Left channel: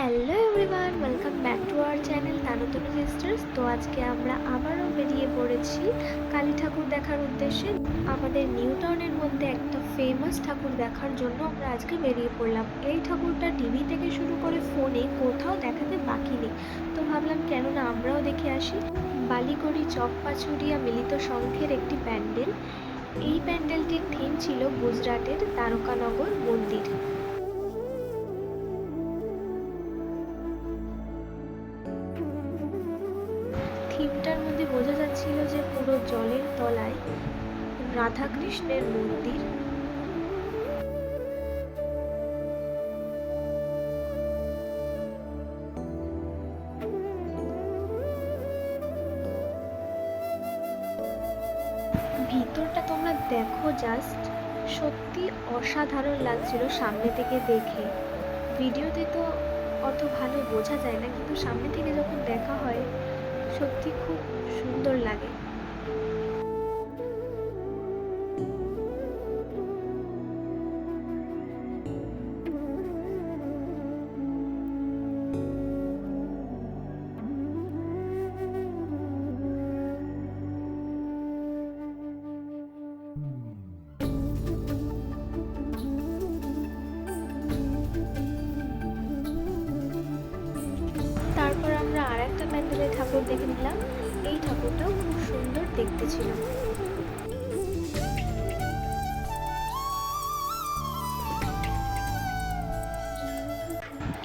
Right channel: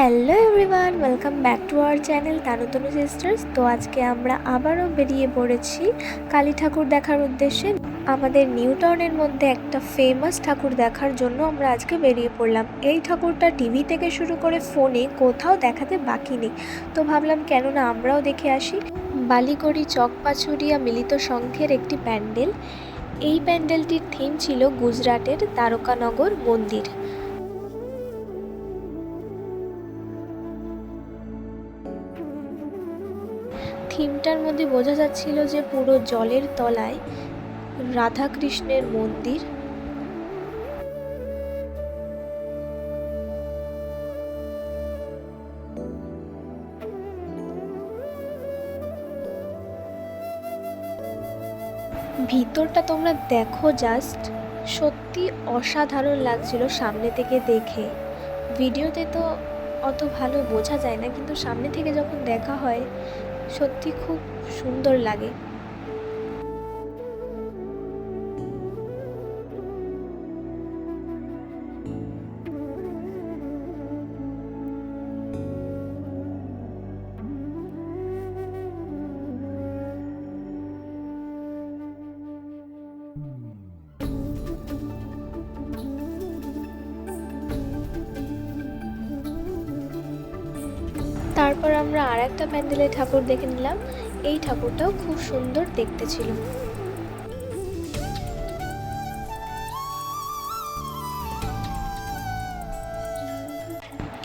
Hello everyone, welcome back to our channel Tanutanu sisters. তো আজকে আমরা আবারও বেরিয়ে পড়েছি কালী ঠাকুর দেখার উদ্দেশ্যে। আমাদের নিউ টাউনের মধ্যে একটা ফেমাস ঠাকুর দেখার জন্য আমরা আজকে বেরিয়ে পড়লাম। এই ঠাকুরটা টিভি থেকে শুরু করে ফোনে কোথাও দেখাতে বাকি নেই। তো ভাবলাম কেন না আমরাও দেখে আসি। বালিগড়ি চকপাচুরিয়া মিলিত সংঘের একটি প্যান্ডেল। এই প্যান্ডেলটির থিম ছিল গুজরাটের তারকানগর মন্দির। থিমটার মধ্যে বোঝা যাচ্ছিল যে পুরো জলের তলায় রাধাকৃষ্ণের মন্দির। ভিতরটা তোমরা দেখো জাস্ট সত্যি অসাধারণ লাগছিল সামনে থেকে দেখে। ভিডিওতে তো অত ভালো বোঝা যায় না, কিন্তু সামনে থেকে যখন দেখা হয় সত্যি খুব সুন্দর লাগে। তারপর আমরা আর একটা প্যান্ডেলে ঠাকুর দেখে নিলাম। এই ঠাকুরটাও খুব সুন্দর দেখতে ছিল।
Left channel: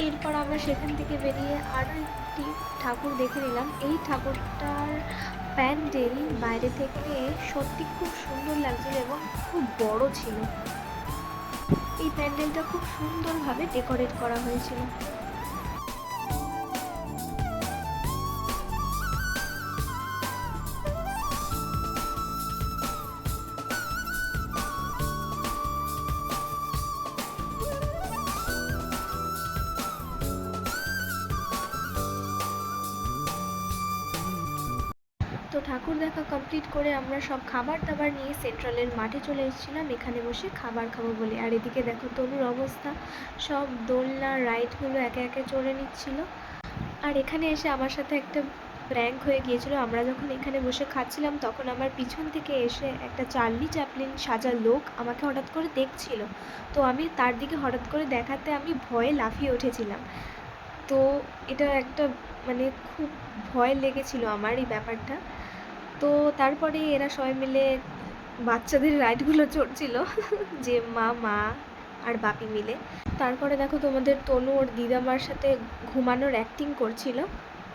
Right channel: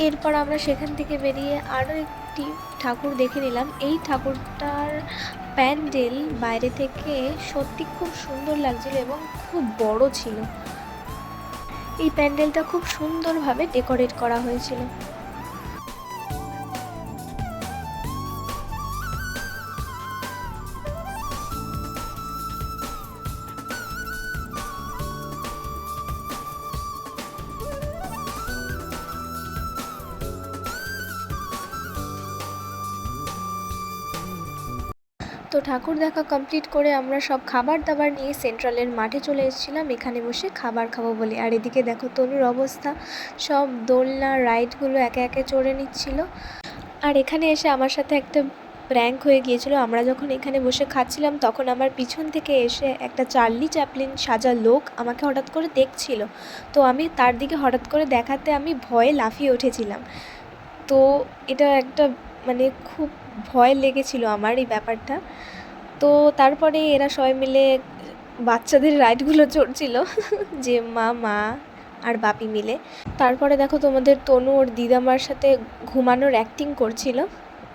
এরপর আমরা সেখান থেকে বেরিয়ে আরও একটি ঠাকুর দেখে নিলাম। এই ঠাকুরটার প্যান্ডেল বাইরে থেকে সত্যি খুব সুন্দর লাগছিল এবং খুব বড় ছিল। এই প্যান্ডেলটা খুব সুন্দরভাবে ডেকোরেট করা হয়েছিল। তো ঠাকুর দেখা কমপ্লিট করে আমরা সব খাবার দাবার নিয়ে সেন্ট্রালের মাঠে চলে এসেছিলাম। এখানে বসে খাবার খাব বলে। আর এদিকে দেখো তনুর অবস্থা। সব দোলনা রাইডগুলো একে একে চড়ে নিচ্ছিল। আর এখানে এসে আমার সাথে একটা প্র্যাঙ্ক হয়ে গিয়েছিল। আমরা যখন এখানে বসে খাচ্ছিলাম, তখন আমার পিছন থেকে এসে একটা চার্লি চ্যাপলিন সাজা লোক আমাকে হঠাৎ করে দেখছিল। তো আমি তার দিকে হঠাৎ করে দেখাতে আমি ভয়ে লাফিয়ে উঠেছিলাম। তো এটা একটা মানে খুব ভয় লেগেছিল আমার এই ব্যাপারটা। তো তারপরে এরা সবাই মিলে বাচ্চাদের রাইডগুলো চড়ছিল, যে মা মা আর বাপি মিলে। তারপরে দেখো তোমাদের তনু ওর দিদামার সাথে ঘুমানোর অ্যাক্টিং করছিল।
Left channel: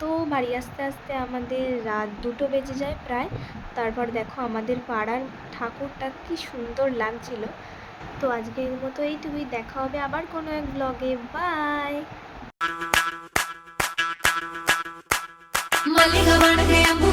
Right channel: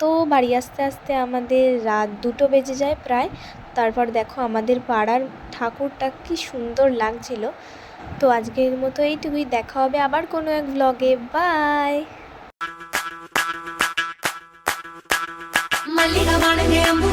তো বাড়ি আসতে আসতে আমাদের রাত দুটো বেজে যায় প্রায়। তারপর দেখো আমাদের পাড়ার ঠাকুরটা কি সুন্দর লাগছিল। তো আজকের মতো এইটুকুই, দেখা হবে আবার কোনো এক ব্লগে বাই மல்லிகவான